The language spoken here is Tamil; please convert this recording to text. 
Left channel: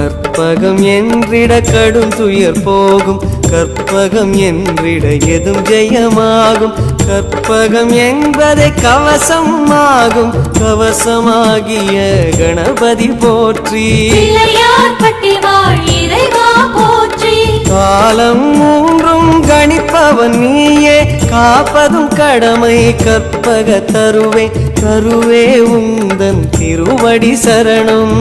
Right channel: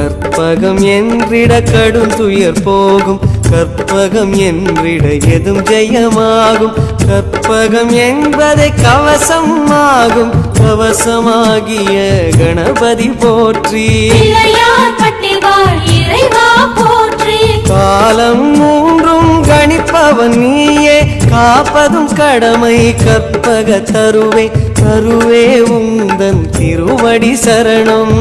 கற்பகம் என்றிட கடும் துயர் போகும், கற்பகம் என்றிட எதும் ஜெயமாகும். கற்பகம் என்பதை கவசம் ஆகும், கவசமாகிய கணபதி போற்றி. காலம் மூன்றும் கணிப்பவன் நீயே, காப்பதும் கடமை கற்பக தருவே. தருவே உந்தன் திருவடி சரணம்.